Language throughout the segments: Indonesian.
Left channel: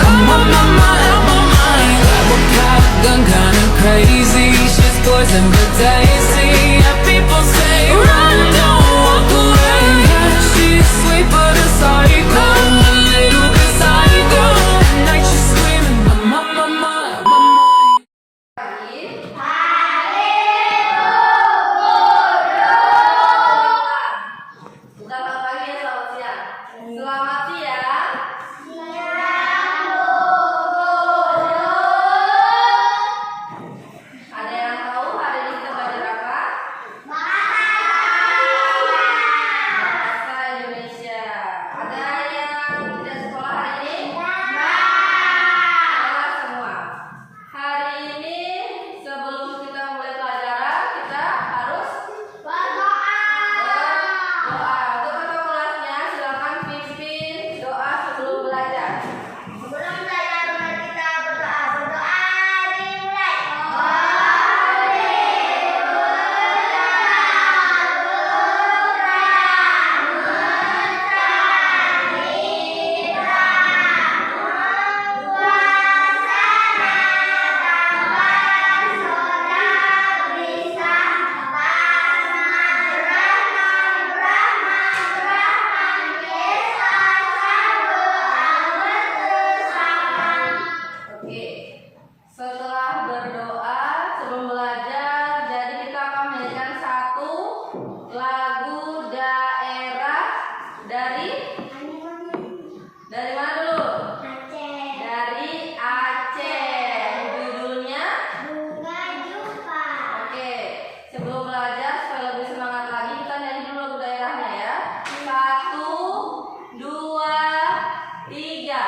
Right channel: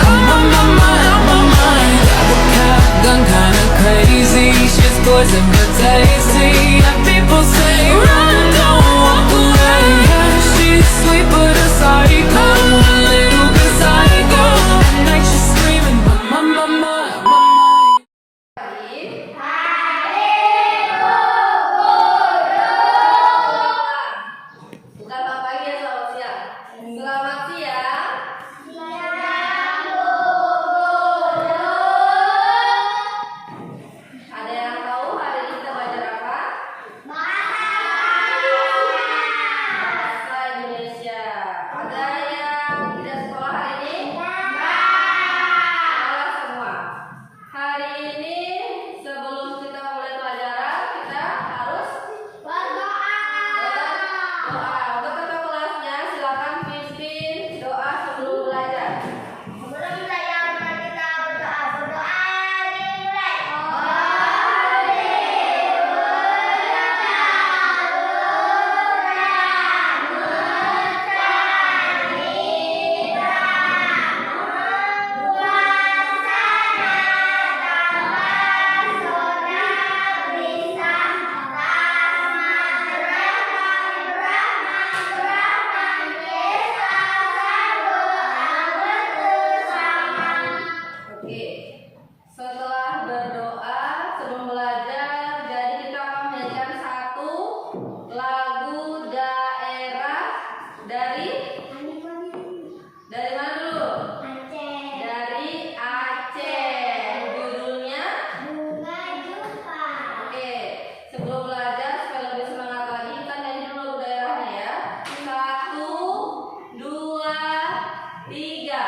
out my mind. Grab a cop gun, kinda crazy. Shit's poison but tasty. Yeah, people say run, don't walk away. Yeah, she's sweet but a psycho, a little bit psycho. At night she's screaming, my mind. Selamat pagi ya, selamat siang. Selamat siang. Ada yang tahu hari ini kita belajar apa? Bahasa Indonesia. Ada yang tidak sekolah hari ini? Sekolah semua. Hari ini sebelum kita mulai pelajaran, kita harus berdoa. Untuk ketua kelasnya silakan pimpin doa sebelum belajar. Sebelum belajar mari kita berdoa. Berdoa dimulai. Oke. Setelah berdoa sebelum belajar, jadi kita akan menyanyikan satu lagu daerah dari mana dulu? Dari Aceh. Judulnya? Oke. Sebelum belajar supaya lebih semangat lagi, kita nyanyi dulu lagu daerahnya ya. 1, 2, 3.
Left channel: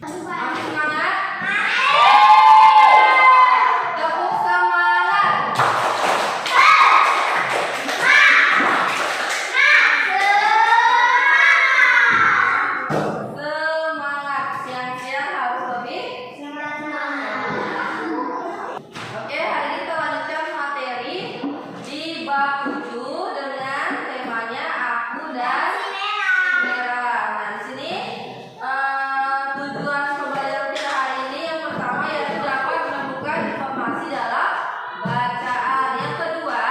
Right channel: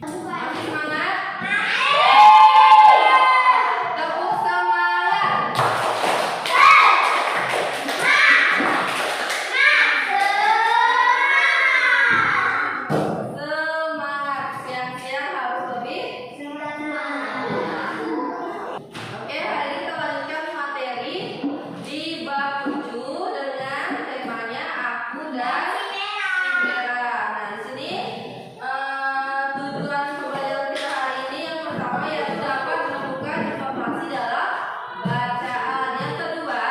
Masih semangat? Tepuk semangat. Semangat. Siang-siang harus lebih. Oke, hari ini kita lanjutkan materi di bab 7 dengan temanya aku dan merah. Nah, di sini tujuan pembelajaran kita hari ini yang pertama yaitu dapat menemukan informasi dalam bacaan. Yang kedua,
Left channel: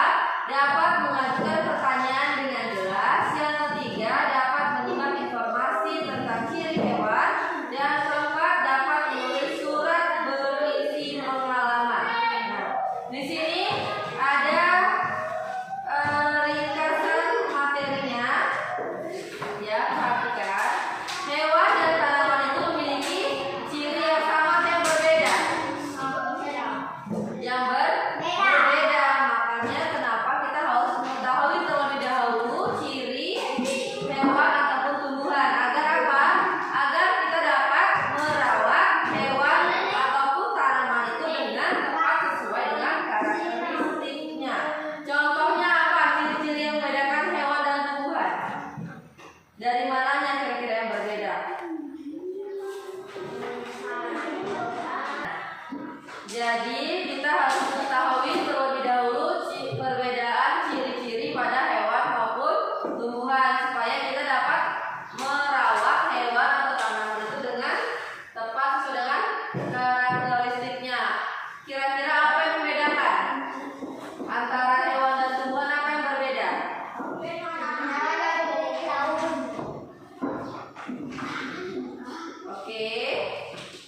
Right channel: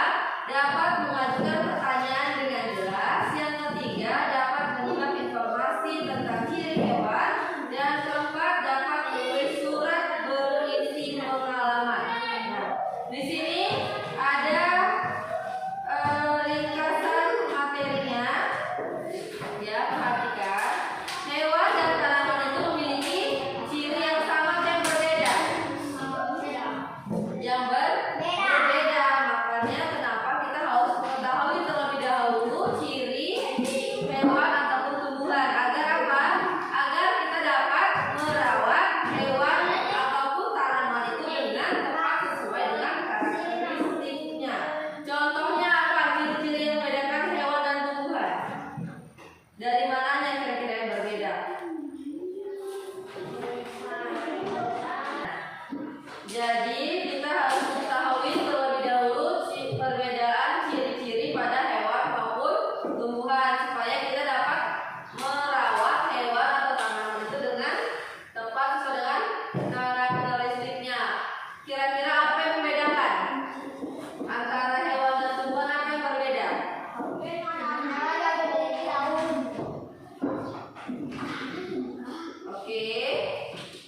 dapat mengajukan pertanyaan dengan jelas. Yang ketiga, dapat menyimak informasi tentang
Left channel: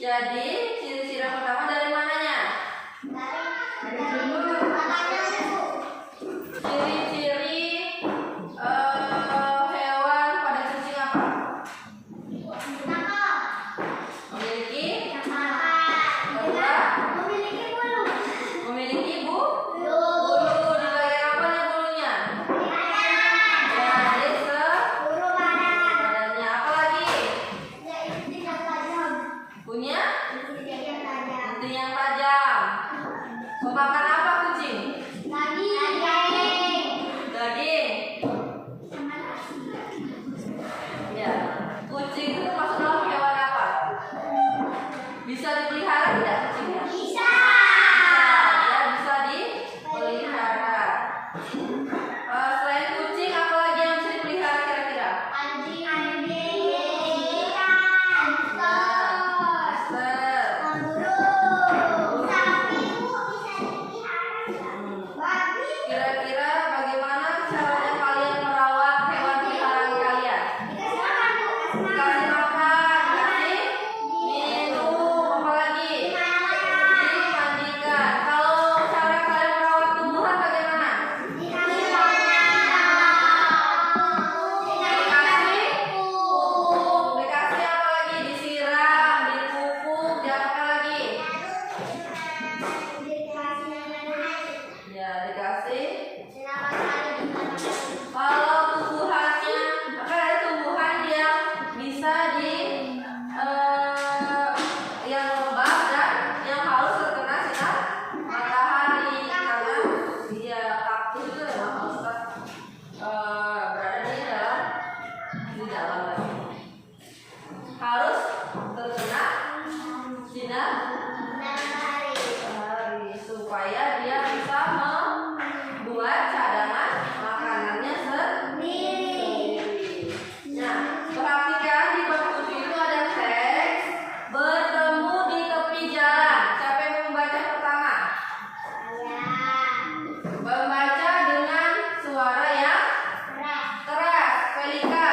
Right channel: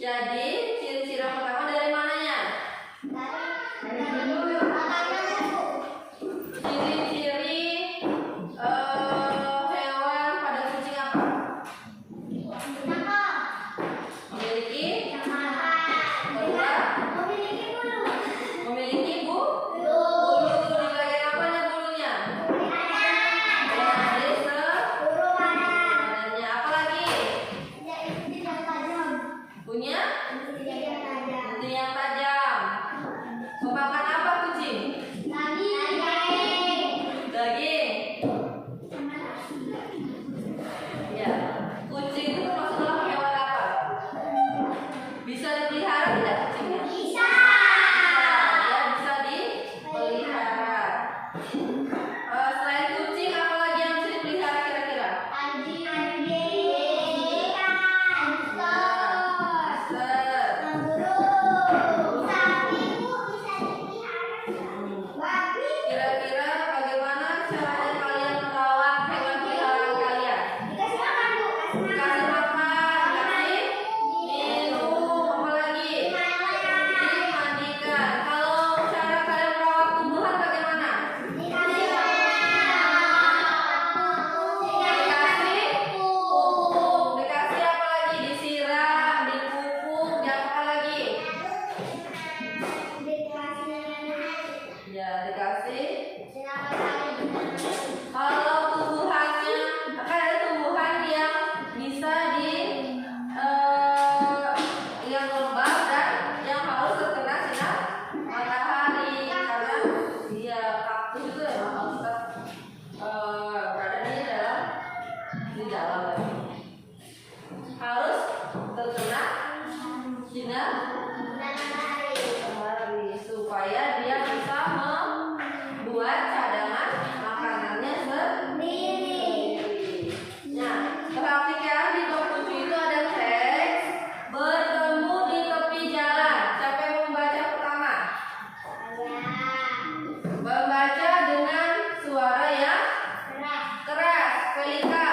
Jadi ciri-ciri yang pertama dari mananya? Ciri-ciri hewan pada kucing apa? Memiliki memiliki bulu. Di bagian apanya bulunya? Ya, di badannya. Apa lagi? Punya inti yang tajam. Memakan apa kucing? Daging. Ya, kucing itu termasuk dalam hewan apa? Bisa dipelihara tidak kucingnya? Bisa, ya bisa dipelihara. Selain kucing, apa lagi yang bisa dipelihara kira-kira? Kira-kira bagaimana caranya kalian merawat hewan peliharaan kalian? Dikasih makan, dikasih minum, apa lagi? Dimandikan. Kalau cara kalian merawat tumbuhan bagaimana? Dikasih pupuk, dikasih apa lagi? Disiram, dipupuk, dan apa lagi? Ya, dikasih. Kalau tumbuhannya, akan ada tumbuhan yang bisa yang lembab dan yang harus terkena sinar matahari karena dia kaktus itu memang harus berada di dalam harus terkena sinar matahari supaya dia bisa membuat cadangan makanannya sendiri. Nah, perhatikan di bab 7 itu ada teks bertemu di tepi jalan. Siapa yang membaca pertama? Membaca dengan suara yang keras. Felika,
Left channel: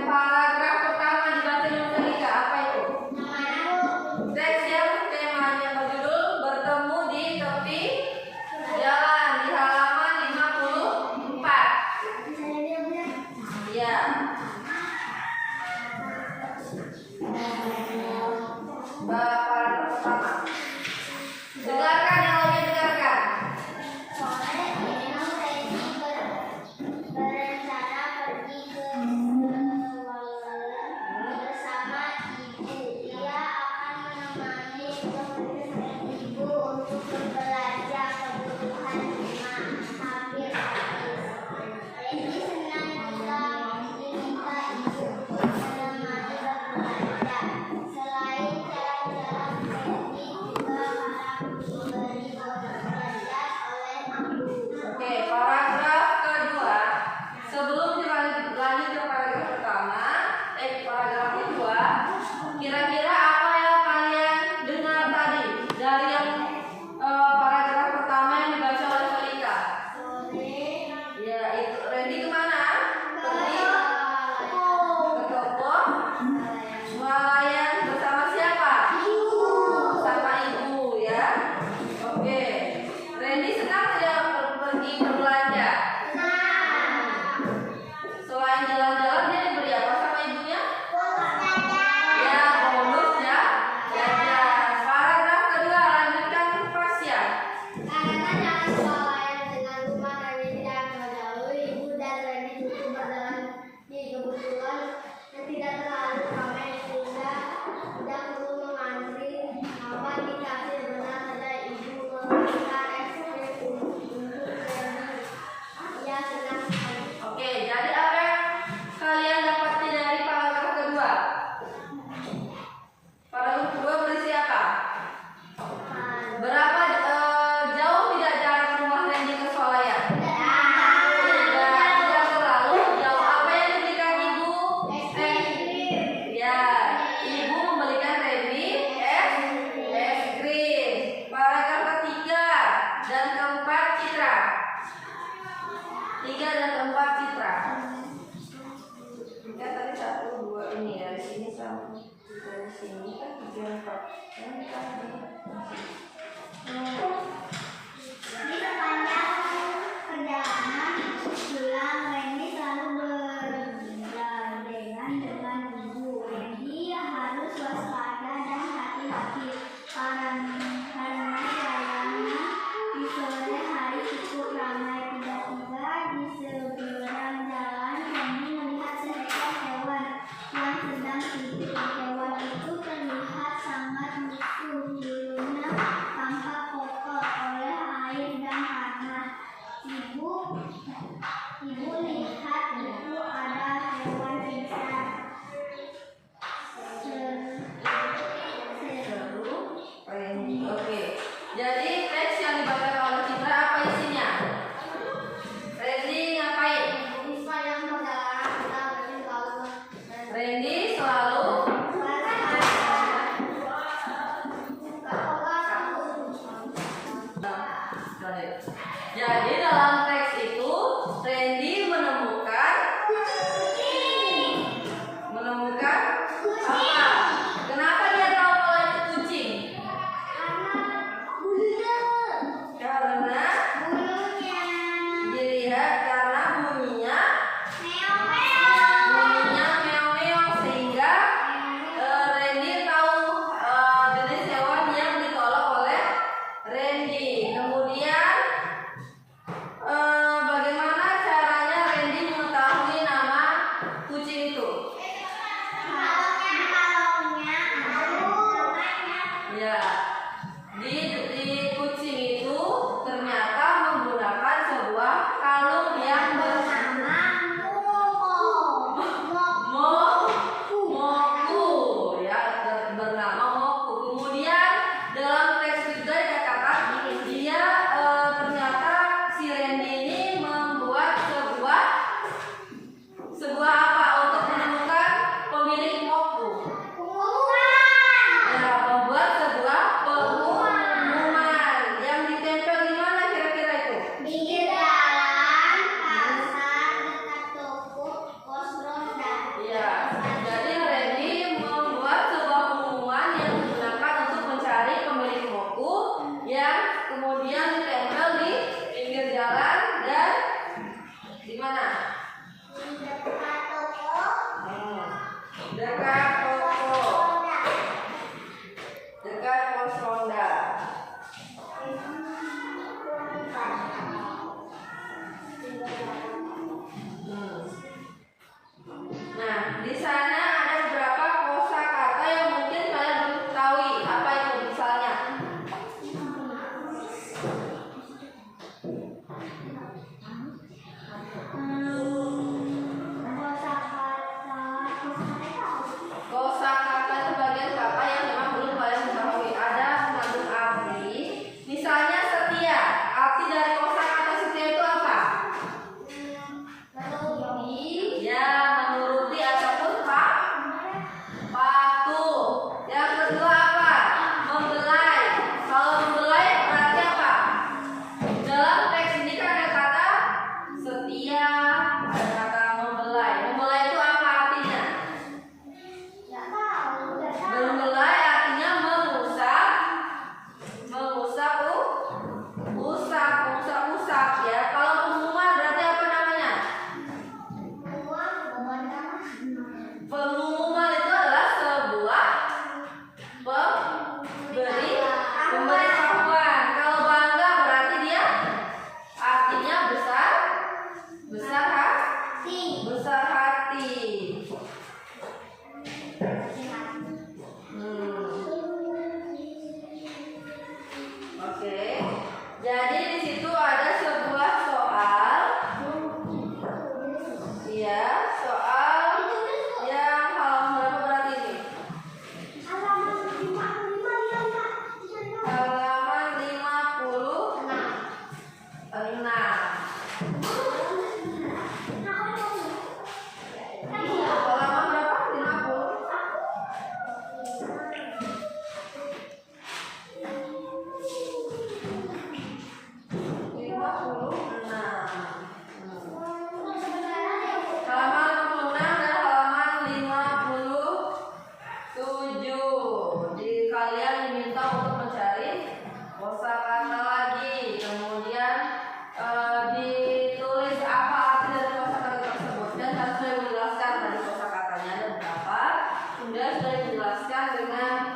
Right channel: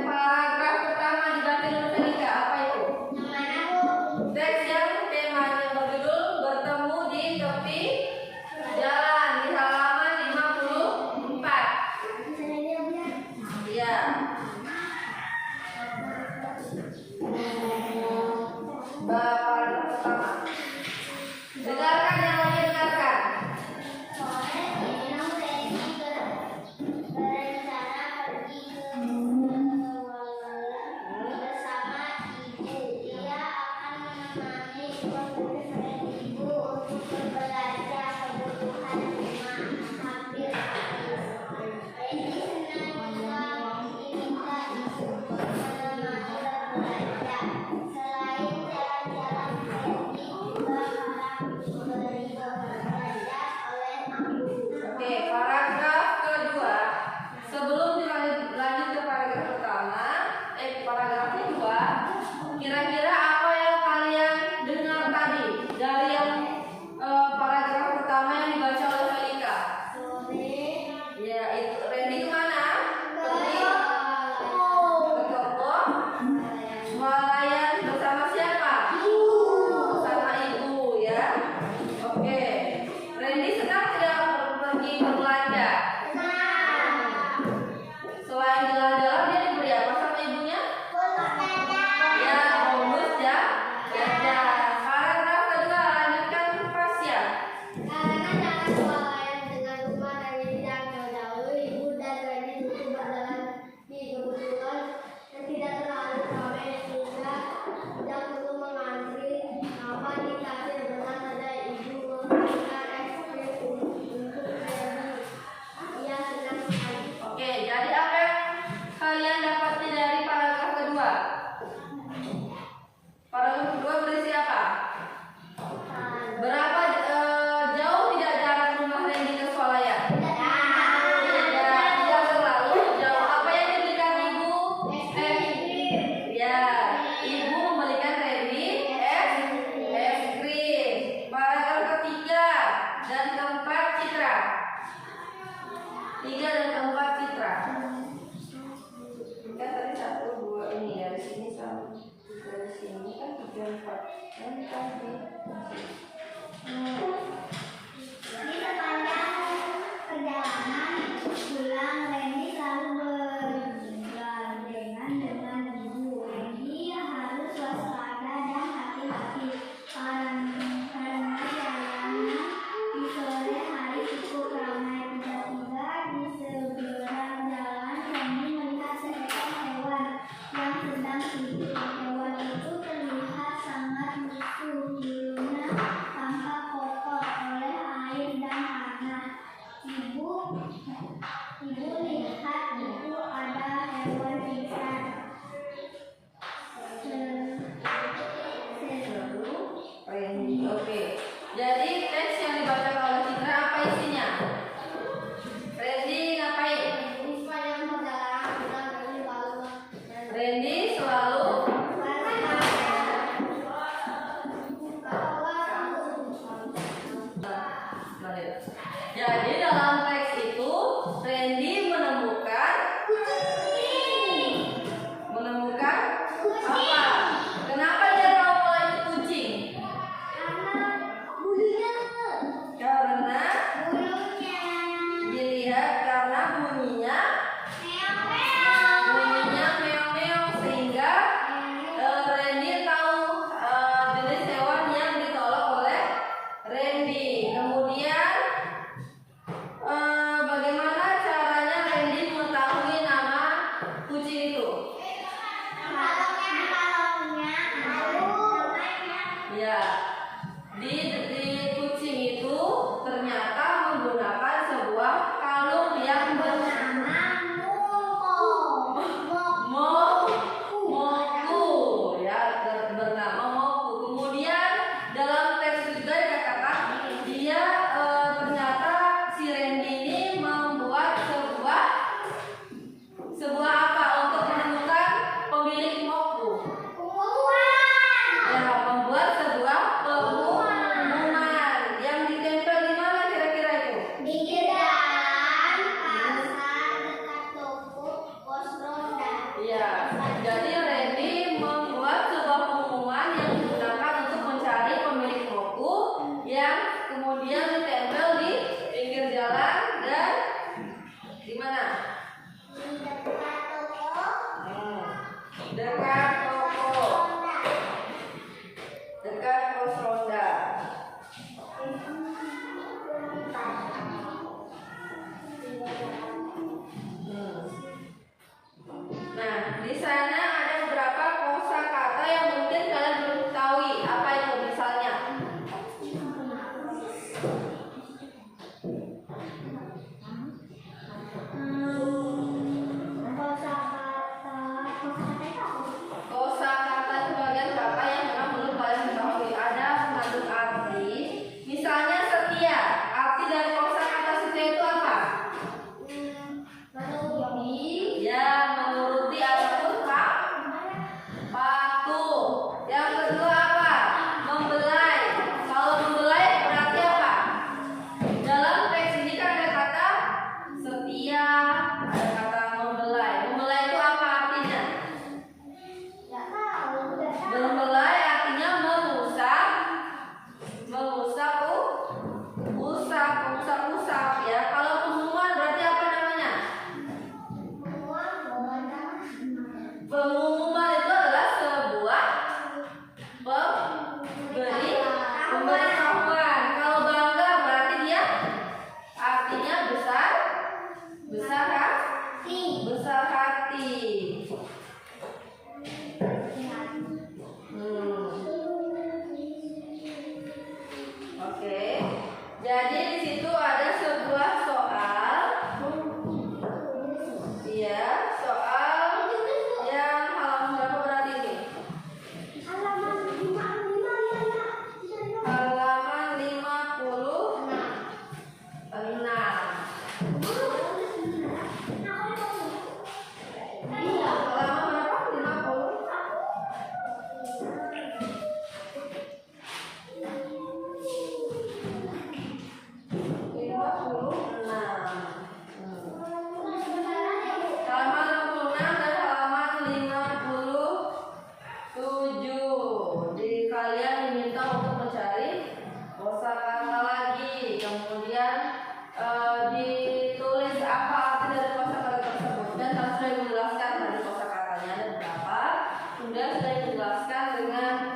paragraf pertama dibaca dengan Felika. Apa itu? Teks yang temanya berjudul bertemu di tepi jalan di halaman 54. Iya. Paragraf pertama. Dengarkan yang lainnya, dengarkan. Berencana pergi ke bersama ibu. Ia akan menemani ibu untuk berbelanja kebutuhan rumah hampir habis. Randy senang jika diminta ibu menemani berbelanja. Selain jalan-jalan, Randy juga harap diberi berbelanja oleh aku. Oke, paragraf kedua. Sebelum lanjut ke paragraf pertama, paragraf kedua, kira-kira apa yang kalian dengar tadi dari yang paragraf pertama yang dibaca oleh Felika? Ya, itu Randy kemana? Pergi ke toko swalayan bersama siapa? Bersama ibu, ya. Oke, Randy senang tidak pergi berbelanja? Selain jalan-jalan, dia diberi apa sama ibunya? Ya, bonus ya. Paragraf kedua, lanjutkan Fasya. Karena jalan swalayan dengan rumah Randy tidak jauh, ibu dan Randy butuh berjalan di kebetulan dan tidak terlalu ramai sehingga tidak perlu mengantri. Namun di kasir benar saja ibu memberikan es krim untuk Randy. Ia senang sekali. Oke, jadi apa yang kalian dapati dari paragraf kedua? Paragraf kedua berisi apa? Berapa jauh tidak jarak rumah Randy ke swalayan? Tidak terlalu jauh. Apa yang diberikan ibu? Ya, ibu membelikan Randy es krim. Paragraf ketiga dan keempat Citra. 3 dan 4 Citra. Kan tadi 1, 2 ini dari sini sama dari sini kan 3 Hewan itu terlihat sangat lusuh, bulunya tampak kotor oleh air dan tanah. Ibu lihat itu ada hewan pingsan. Oke. Jadi teks yang dibaca oleh Citra apa isinya? Randy ngapain? Randy selalu jadi dalam teks itu Randy menemukan apa? Kenapa dia tahu kalau itu kucing? Karena dilihat karena bunyinya meong-meong sehingga Randy tahu jenis hewan yang ditolak oleh Randy. Kemudian bagaimana caranya Randy mengetahui nama kucing itu? Ya, di kucing itu ternyata menggunakan sebuah kalung yang bernama Moku, ya, bernama Moku. Kemudian dalam teks juga dikatakan dia ternyata si Randy ini membuat sebuah apa untuk menemukan pemilik Moku? Ya, membuat sebuah pengumuman yang ditempel di mana kira-kira itu? Pinggir jalan, pasar, dekat toko, pos ronda. Ya, jadi Randy membuat sebuah pengumuman yang digunakan untuk mencari pemilik Moku yang kemudian ditempel di pinggir jalan dan di mana? Dekat toko, dekat pos ronda. Nah, di sana ada beberapa kosakata yang mungkin kalian belum ketahui. Apa itu misalnya? Kosakata itu bagian kata yang memang belum kalian ketahui. Ada mengandung arti. Misalnya setia. Arti dari kosakata setia itu apa? Ya, menuruti ataupun patuh. Yang kedua apa? Membelai. Kalau membelai berarti apa? Dalam teks ini kan ada kata setia, ada kata membelai. Membelai itu apa artinya? Membelai artinya usap ya. Kalau pengumuman berarti apa namanya? Pengumuman itu adalah sebuah pemberitahuan. Kalau bangga berarti dia artinya besar hati. Oke. Jadi di situ ada sebuah soal. Iya, soal yang halaman berapa berarti ini? Halaman 56. Halaman berapa? 56. Jadi kalian diminta untuk mencari kosakata lagi. Kemudian ditulis apa arti dari kosakata tersebut. Dan saya sudah menjelaskan dari kosakatanya ada berapa. Kemudian saya menjelaskan dengan